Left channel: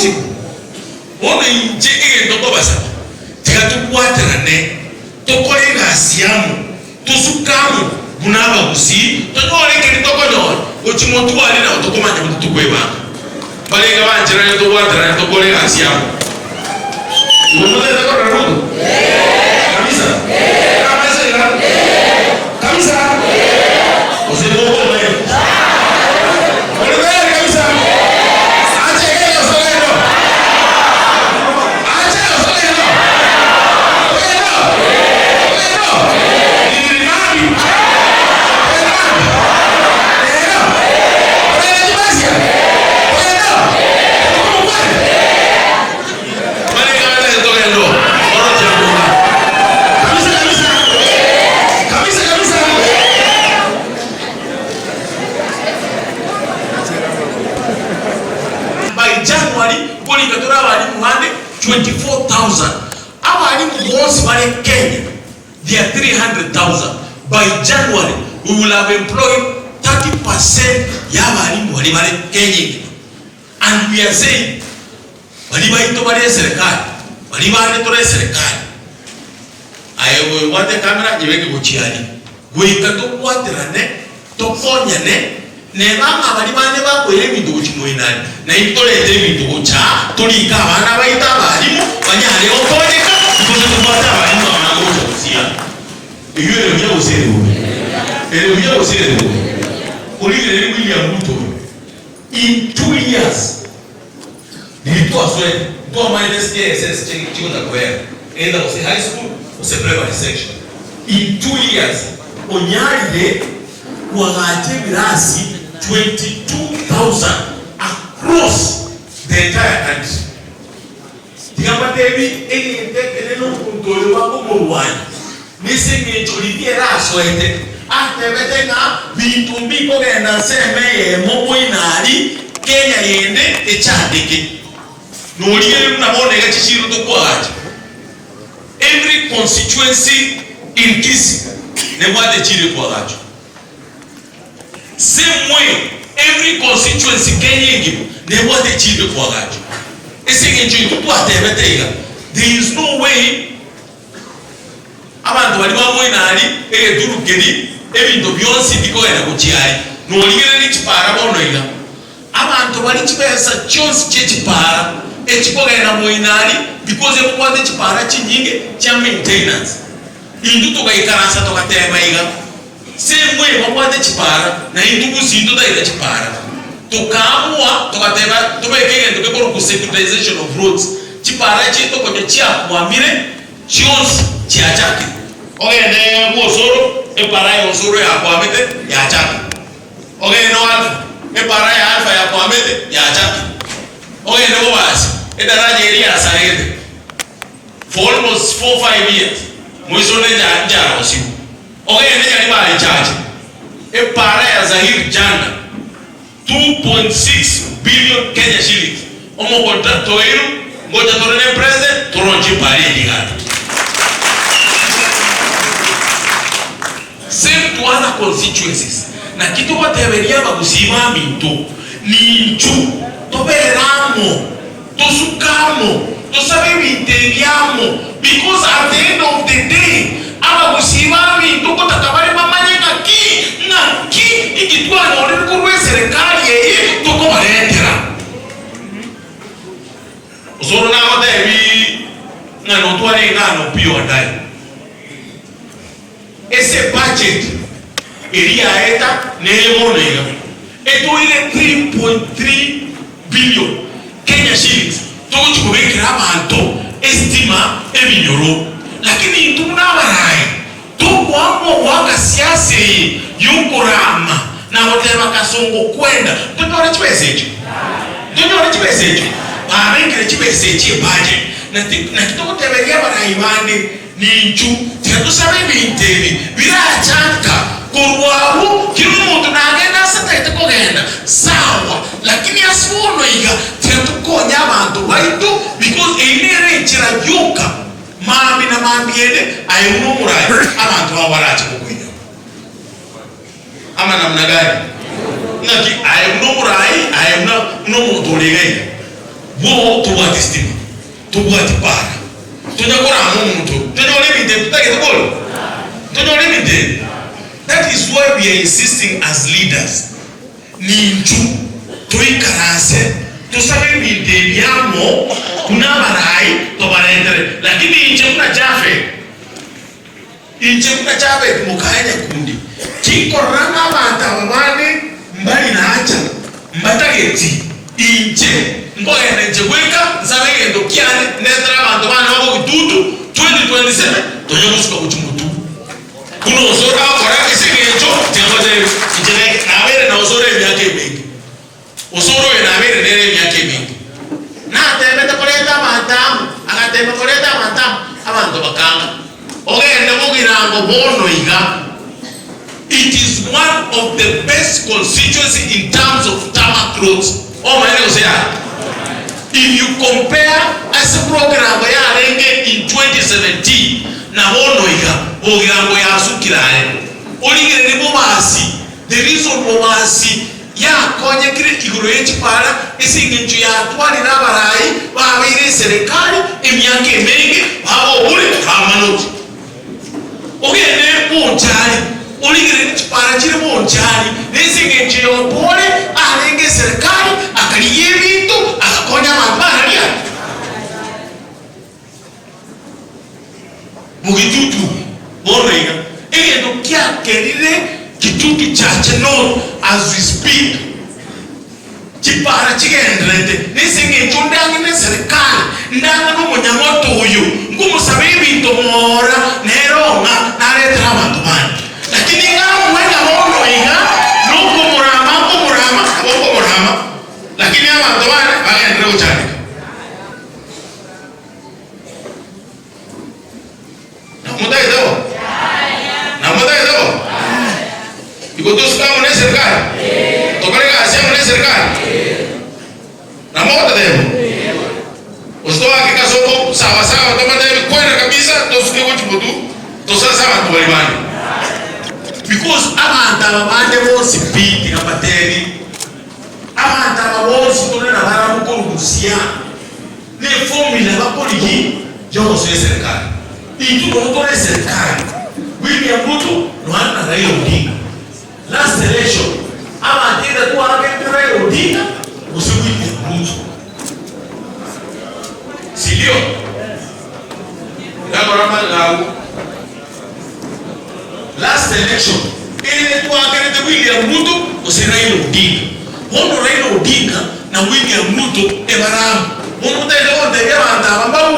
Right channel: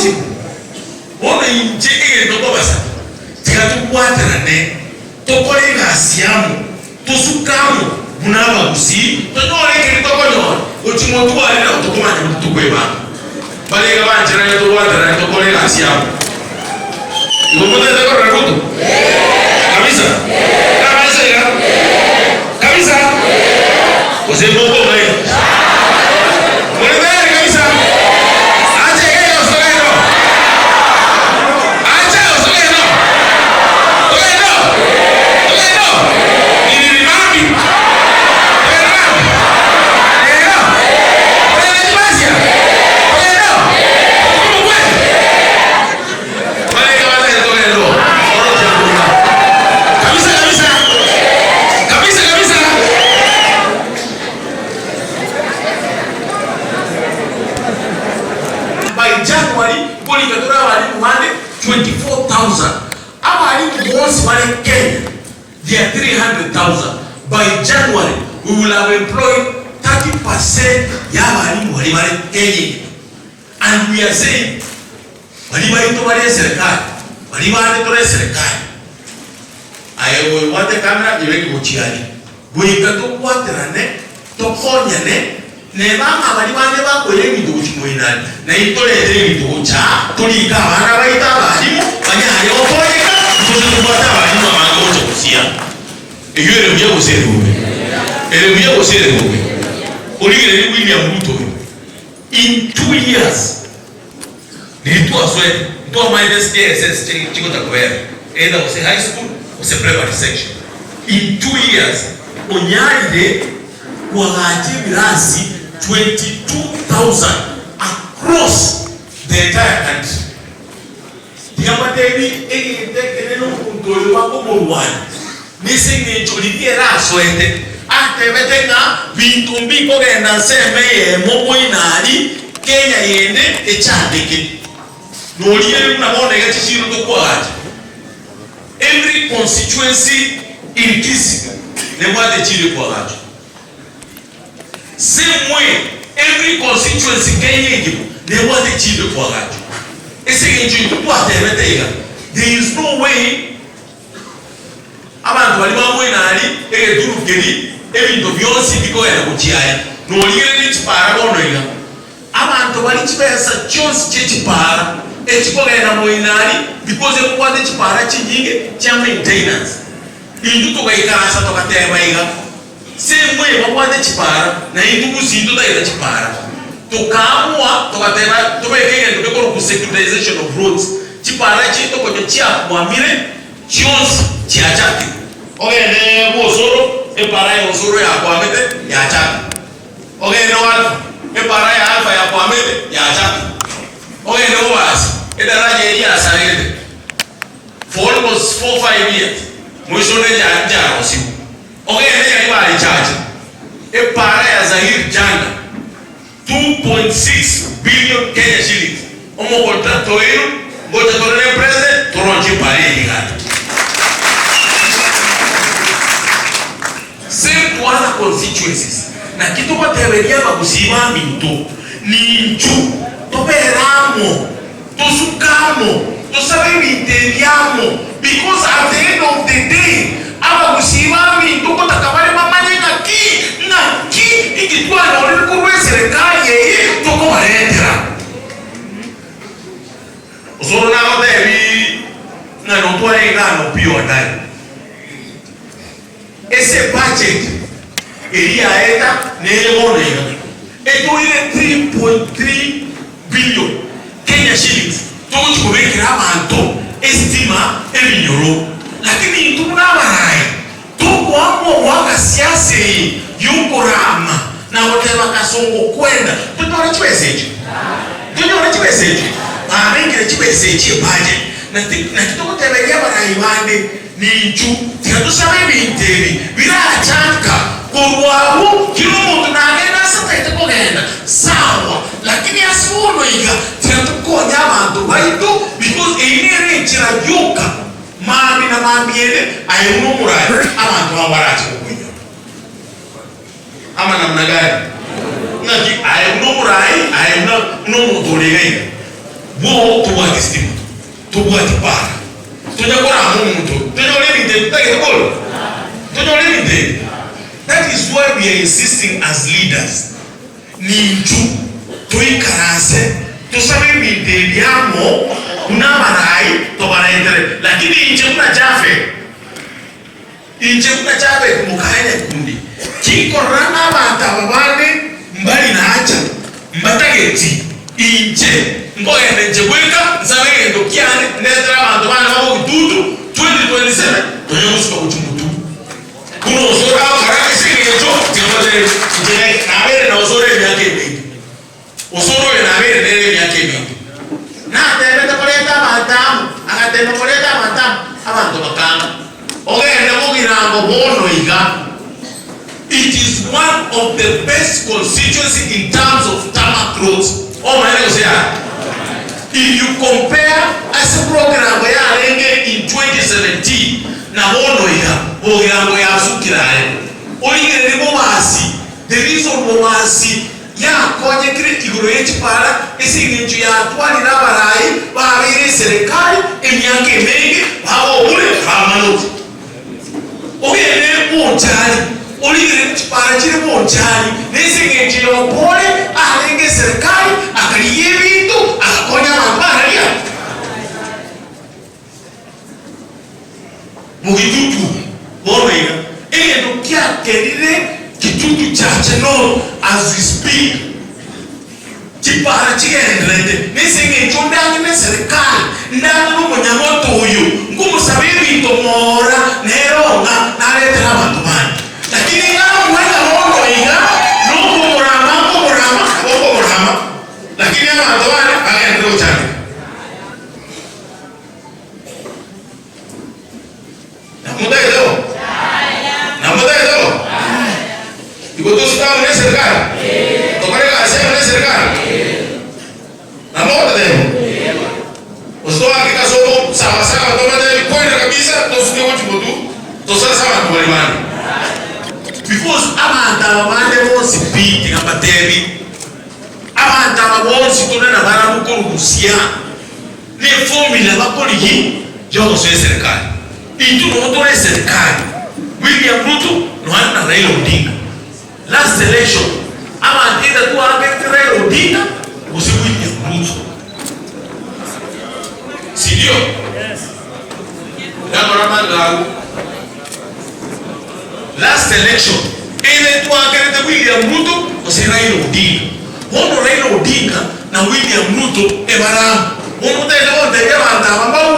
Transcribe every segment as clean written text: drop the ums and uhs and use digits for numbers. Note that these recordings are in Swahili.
usiku wona inje ndoko basa tikatukwatane tokolenga siamu tusukamu bunaba Gusii tonoleke ndokonyona uchimotu ali na utokomanya mtukweba balega banjira tokwatana tokolenga siamu Ngomote ndako na Ruto kabisa kabisa Usibogo wewe By January, we will have employed 30% Yamani Walimari Kenya. And we are saying, Walimari Tobari Serkai, Walimari Tore Serkai. I will want the camera, you make Uchiani. We can do what the Rane, Toponyane, Nevanga, Walimani, we do Chimuinan, Naitore to Ucha, Tonika, Manawaita, Valimu, Panyani, Oponica, because of whatever you are here. Et il est bien aussi William Ruto. In 2 years, the was when go minus KSS to the career. Either was a high school or a primary section. In 2 years, Onyade was 22,000 across the entire country. The Amatebi, any Nisingi Juliera Soete, Atevetena, Vitumbi Kogena Seme, Momoinari, Kenya Yende, a Chandiki. No year Namone to Quad. Every constituency in Gusii, they want the Chile Quad. Same way, every constituency Kenya, they want the Chile Quad. A second to whatever there is no way. Abantu bali bamwenali egeturu keri ebintu byonsi bikoera kuchiyai nolire chipara bonoira abantu bali chipesa chonsi chechipara echikoera moinali because ekwate chipara chinyinge cha maintenance indu tokaikasa tokatebaiga semwe bakwate chipara na indu Gusii totaira chipara tokamwa tokateba tobekeye ndokoro ku securitization of roads chipara chito kocho chia kwamire chionsi chiachaki ogende mosoro epara mosoro ya kwamete ya chaki ogende alfa epara ya alfa ya kwamete ya chaki ogende wasi edaraje elia asagete for almost 4-5 years mwisone ya njara osiku ogende ya ibali chache epara ya Zahir Janga 2.6 billion Kenya shillings omo contrato eno ngoja torene president toronji pale digati. Same to other constituencies. Na kitu kwa teberia Gusii minto ni nchu toberamo tosukamo tosabibinteriamo because at the end of the day aba Gusii minto ko takabari mamanyeka ki na ki ikitwa nore kurwe serikali yeye toko baendera uzoro na odebi na no twari na no pio ndani. Esse budget iria eta nemonera eto ile 3.3 billion Kenya shillings tochi kubekera abantu estima ebinyoro lakini tunabarai tukwamo wanga siasa yukorama na woteba kasongo kwenda tutore chibeseje barengere chibeseje budget na kitoko teberia barai bande ninchu tikatusaba ibintebi birachanka kurwaho kirumuntu nagenda satete kogenda sawa lakini asibono iga tikakonya abantu baitu because einere chirabyuka mami na mambiyene ayuno murai abantu bawarachi kukwenya ama namna gani naki ayuno murai ayuno no mudolega Bo to what is thing. To what para. To the one to the living dead. That is why we are insisting as leaders. Ninju to ikarase to sabe ni debiamo kuna marai to barendere. Lakini inje kuna Japhet. Inje kuna Japhet Nyakundi. Kiko ranga banta babane mbali na acha mbatageti inje ngoya nje kweka nsabe ndo kiane netra bantu bana babo kututu 2027 tonyamusuka kuchumutu kuno zora karake sigeto jamade inje na abere na uzore myake mingi usoro na abere nere myake mingi na tebe takoleta matamu akatebe koleta matamu abantu bakanga ogende mugira ngo bono iga. It is one of the best constituency in terms of tarmac roads. Oh my God! If you compare as a program in 2017, na bono ya sukirare. Only the reason bomasi ya konye kile kigurechi para isi nju ya twani na barai ba bire serikali emyake mengi babo ule kamanoti. Ogene ponchari Only para chile monchari nisi nchi yopole alenge serikali akaliye vitu akakonya mabara ya mugitutu borega ndo kia kelile kitutu chache no as we speak chipara chigendrende nisi nchi ndani serikali ndana no munyamoto huyu ngumu sabibi tomora neronga naretra matumani. Lakini kama mwenda hono ina nuko murama lakini ama ndoana baka ndio chane na muda ido iko dosta na serikali tomare asema na serikali na moda demo ustoa kikasomo sawa tomare kwenda kabisa tosike wote to sasa watu because abantu bose biti abateri abantu bose tona na baramuko Gusii ne formula bakoli yo so serikali inju no serikali William Ruto no ana Raila Odinga last election ama tenda tu ame Raila Odinga Gusii William Ruto sindio na last election ile tu akarete William Ruto Gusii Raila Odinga wono Raila Odinga na William Ruto ebaramu wono tende wonde yabanta bambawo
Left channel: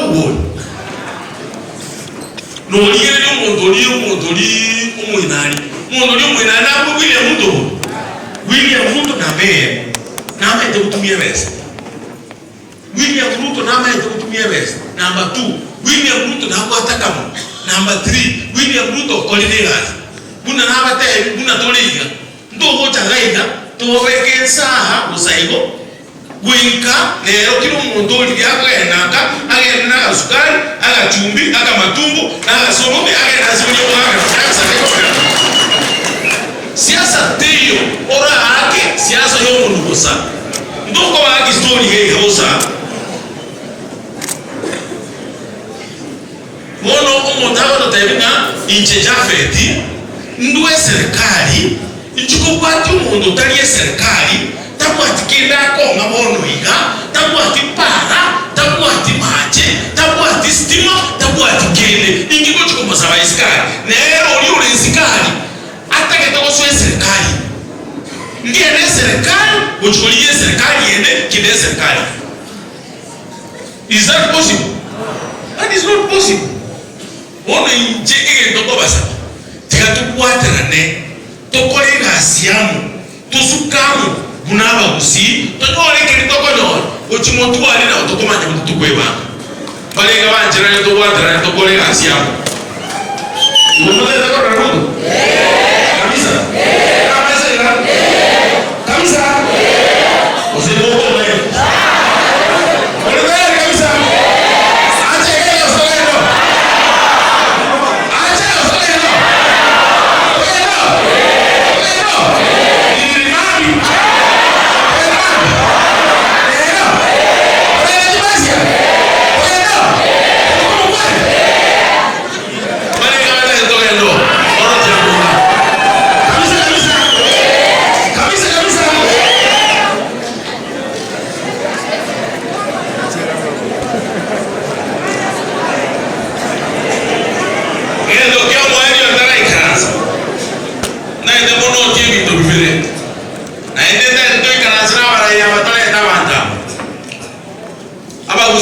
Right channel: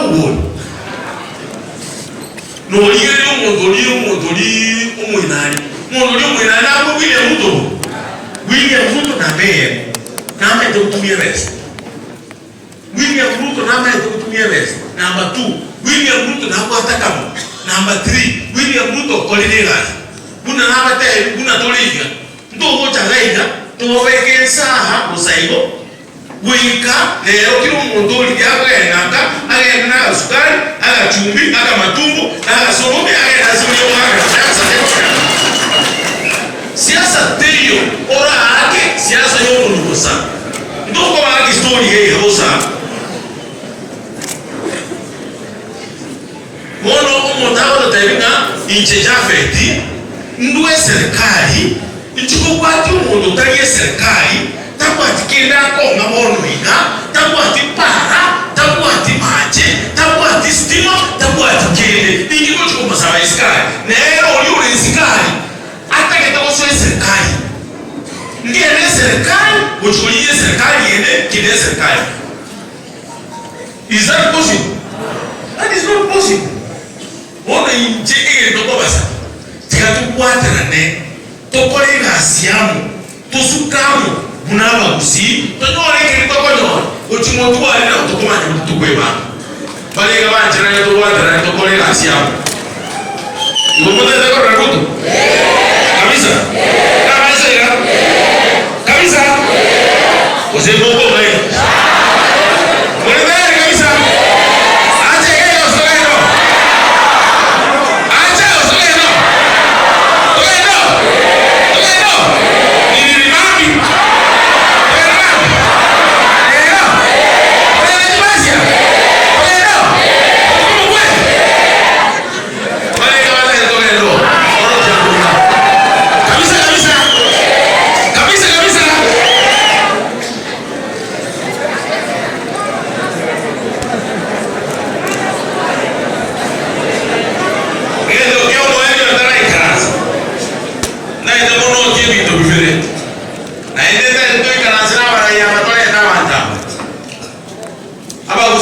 no yele umudoli umwinani na William Ruto na be na mete kutumia vest William Ruto na mete kutumia vest number 2 William Ruto na kwata kama number 3 William Ruto kolidega kuna nabate kuna toliga ndo moja gaida tuweke saha usaigo wika leo kilo mondoli yako yanaka agenda na sukari aga chumbi aga matumbo aga somo aga nazio aga siasa teyo ora ake siasa yo nukosa ndoko wa story hii hosa mono umotao taringa inche Japhet ndwe serikali ichuko kwati umuntu tariye serikali takwati kenda ko ngabono iga takwati para takwati mache takwati stima takwati kende ingiko chiko masaba iskari nero yule iskari atake to so serikali ngene serikali uchukulie serikali yende kile serikali. Is that possible? That is not possible. Ona injike ndoko basa tikatukwatana ne tokole ngasiamu tusukamu bunaba Gusii tonore kirindoko nyo ochimotu ali na tokomanya mutukweba balega banjira to wadra tokole ngasiamu ngomote ndako Ruto kabisa kabisa ozebo ngene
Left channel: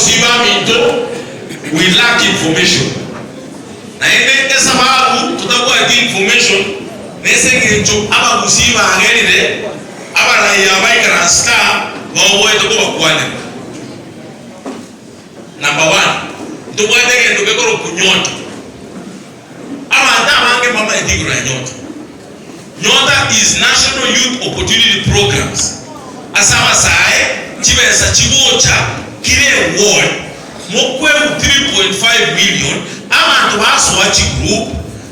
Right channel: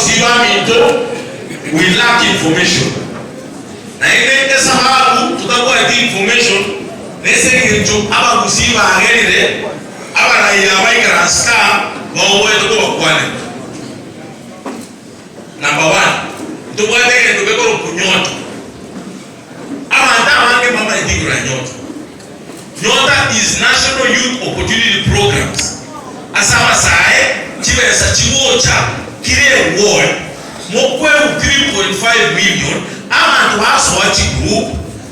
abagusiba minto we lack information. Na ende sababu tutakuwa information nese kintu abagusiba agerire abaraia baikaraska bawe tuko kwane. Number 1, tubade kendo bekoro kunyota. Abanda bange mama ndigura nyota. Nyota is National Youth Opportunity Programs. Asama sae chibesa chibocha kile ward mokwe 3.5 million abantu baso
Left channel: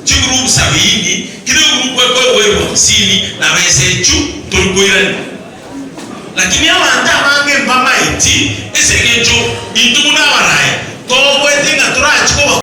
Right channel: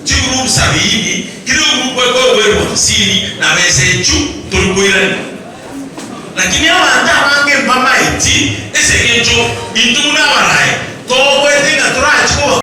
chigroup sabini kile group kwa wewe 50 na mesechu tulikuira. Lakini abanda bange mama